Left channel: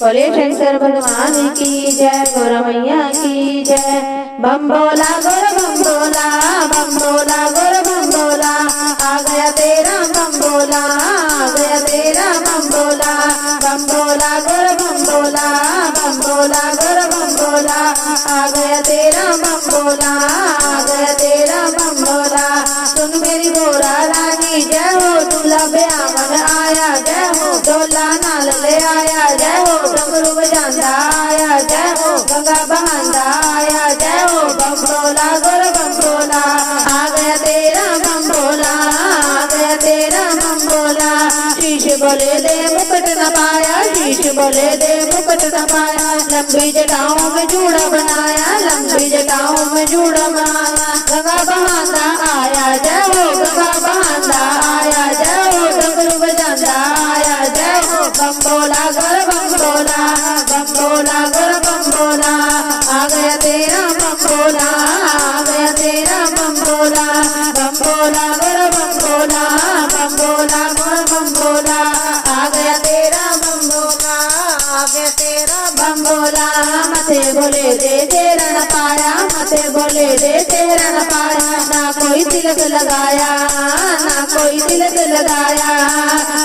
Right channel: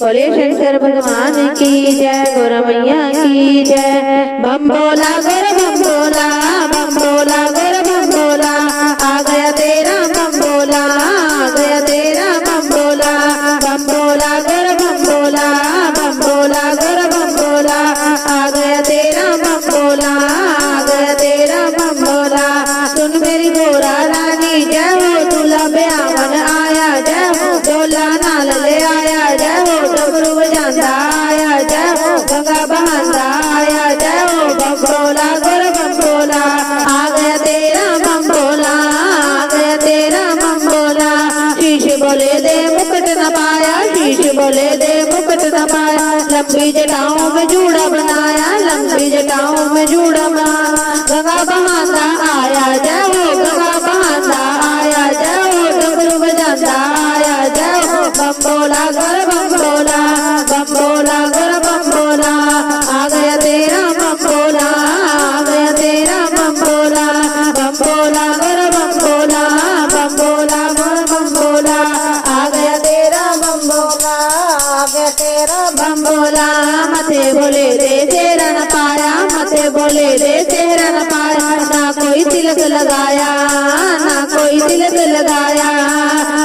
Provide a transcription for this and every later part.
बोले शंकर भगवान की जय, गौरा मैया की जय। बम भोला गौर बम भोला, बम भोला गौर बम भोला, आ गया तेरा बम भोला, आ गया तेरा बम भोला। बम भोला गौर बम भोला, बम भोला गौर बम भोला, आ गया तेरा बम भोला, आ गया तेरा बम भोला। सुन मेरी गौरा रानी जय हो, दूल्हा ब्यावन आया जय हो, डोला नाल ले आया जय हो, डमरू बजांदा आया जय हो, गंगा बहांदा आया जय हो। बम भोला गौर बम भोला, आ गया तेरा बम भोला, आ गया तेरा बम भोला। शीश बोले दे मुकुट न पाया, शीश बोले दे मुकुट न पाया, लंबी जटाओं में जूड़ा बनाया, लंबी जटाओं में जूड़ा बनाया। गंगा बहांदा आया जय हो, गंगा बहांदा आया जय हो, डमरू बजांदा आया जय हो। बम भोला गौर बम भोला, बम भोला गौर बम भोला, आ गया तेरा बम भोला, आ गया तेरा बम भोला। बम भोला गौर बम भोला, बम भोला गौर बम भोला, आ गया तेरा बम भोला, आ गया तेरा बम भोला। मथे बोले दे तेरा न पाया, मथे बोले दे तेरा न पाया, ना कोई तिलक लगाया, ना कोई तिलक लगाया।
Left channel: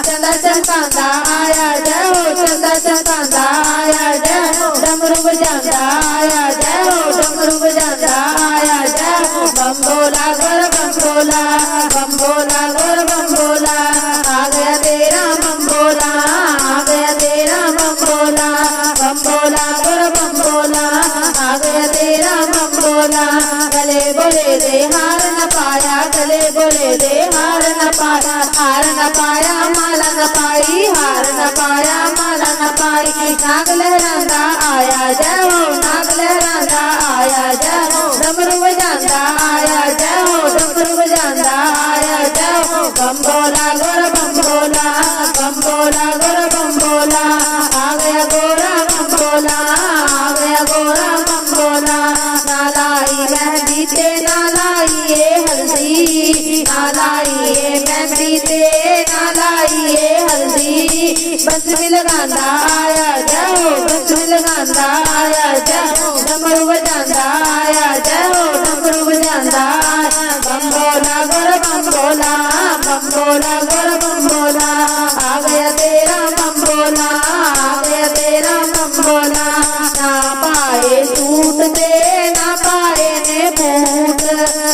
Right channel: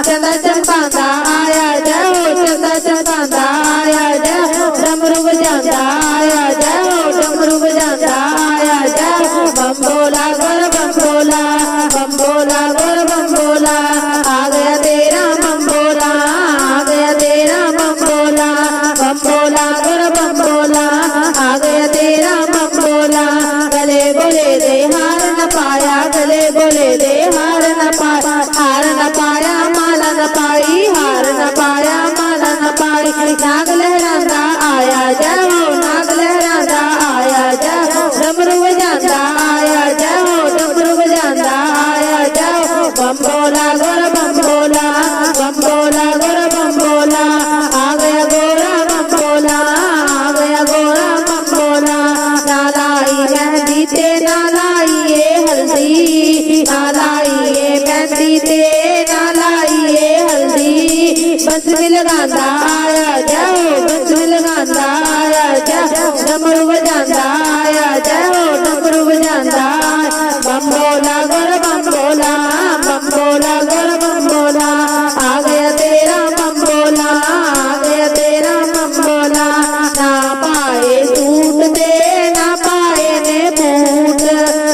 चंदा चमकांदा आया जय हो, चंदा चमकांदा आया जय हो, डमरू बजांदा आया जय हो, डमरू बजांदा आया जय हो। बम भोला गौर बम भोला, बम भोला गौर बम भोला, आ गया तेरा बम भोला, आ गया तेरा बम भोला। बम भोला गौर बम भोला, आ गया तेरा बम भोला। गले बोले दे हार न पाया, गले बोले दे हार न पाया, हार न पाया माला न पाई, हार न पाया माला न पाई। नाग लहरांदा आया जय हो, नाग लहरांदा आया जय हो, डमरू बजांदा आया जय हो, डमरू बजांदा आया जय हो। बम भोला गौर बम भोला, बम भोला गौर बम भोला, आ गया गौरा बम भोला, आ गया गौरा बम भोला। नालाई मेहंदी ते नालाई ये हल्दी, नालाई ये मेहंदी ते नालाई ये हल्दी। बंसुरी लगांदा आया जय हो, बंसुरी लगांदा आया जय हो, डमरू बजांदा आया जय हो, डमरू बजांदा आया। बम भोला गौर बम भोला, बम भोला गौर बम भोला, आ गया तेरा बम भोला, आ गया तेरा बम भोला। ना पाए सूट दे, ना पाए ने बूट,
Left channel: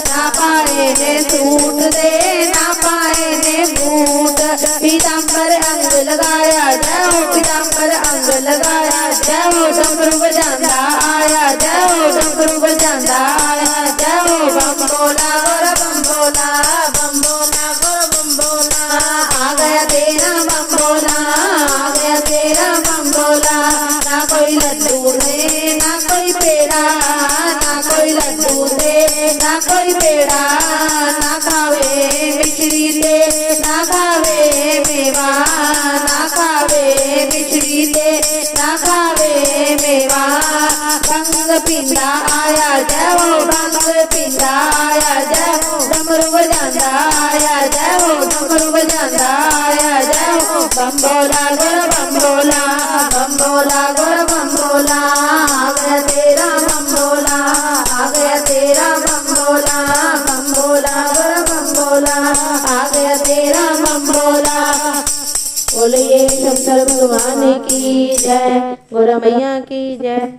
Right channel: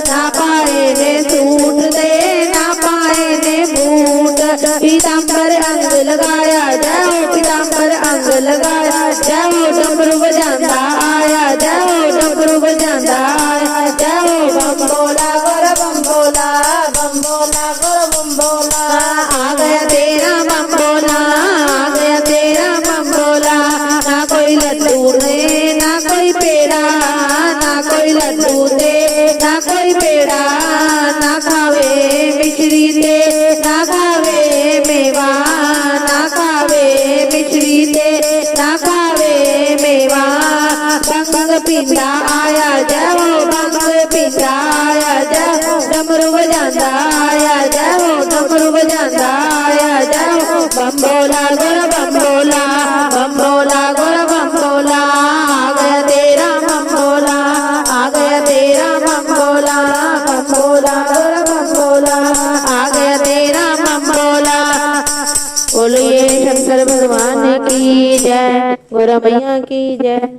ना पाए ने सूट दे, ना पाए ने बूट। पीताम्बर अंग लगाया जय हो, पीताम्बर अंग लगाया जय हो, डमरू बजांदा आया जय हो, डमरू बजांदा आया जय हो। बम भोला गौर बम भोला, बम भोला गौर बम भोला, आ गया तेरा बम भोला, आ गया तेरा बम भोला। ना कोई लड्डू दे, ना कोई पेड़ा, ना कोई लड्डू दे, ना कोई पेड़ा, ना खावे मिश्री दे, ना खावे मेवा, ना खावे मिश्री दे, ना खावे मेवा। भंग पिंडा आया जय हो, भंग पिंडा आया जय हो, डमरू बजांदा आया जय हो, डमरू बजांदा आया जय हो। बम भोला गौर बम भोला, बम भोला गौर बम भोला, आ गया तेरा बम भोला, आ गया तेरा बम भोला। बम भोला गौर बम भोला, आ गया तेरा बम भोला। बोलिए शंकर भगवान की जय, गौरा मैया की जय।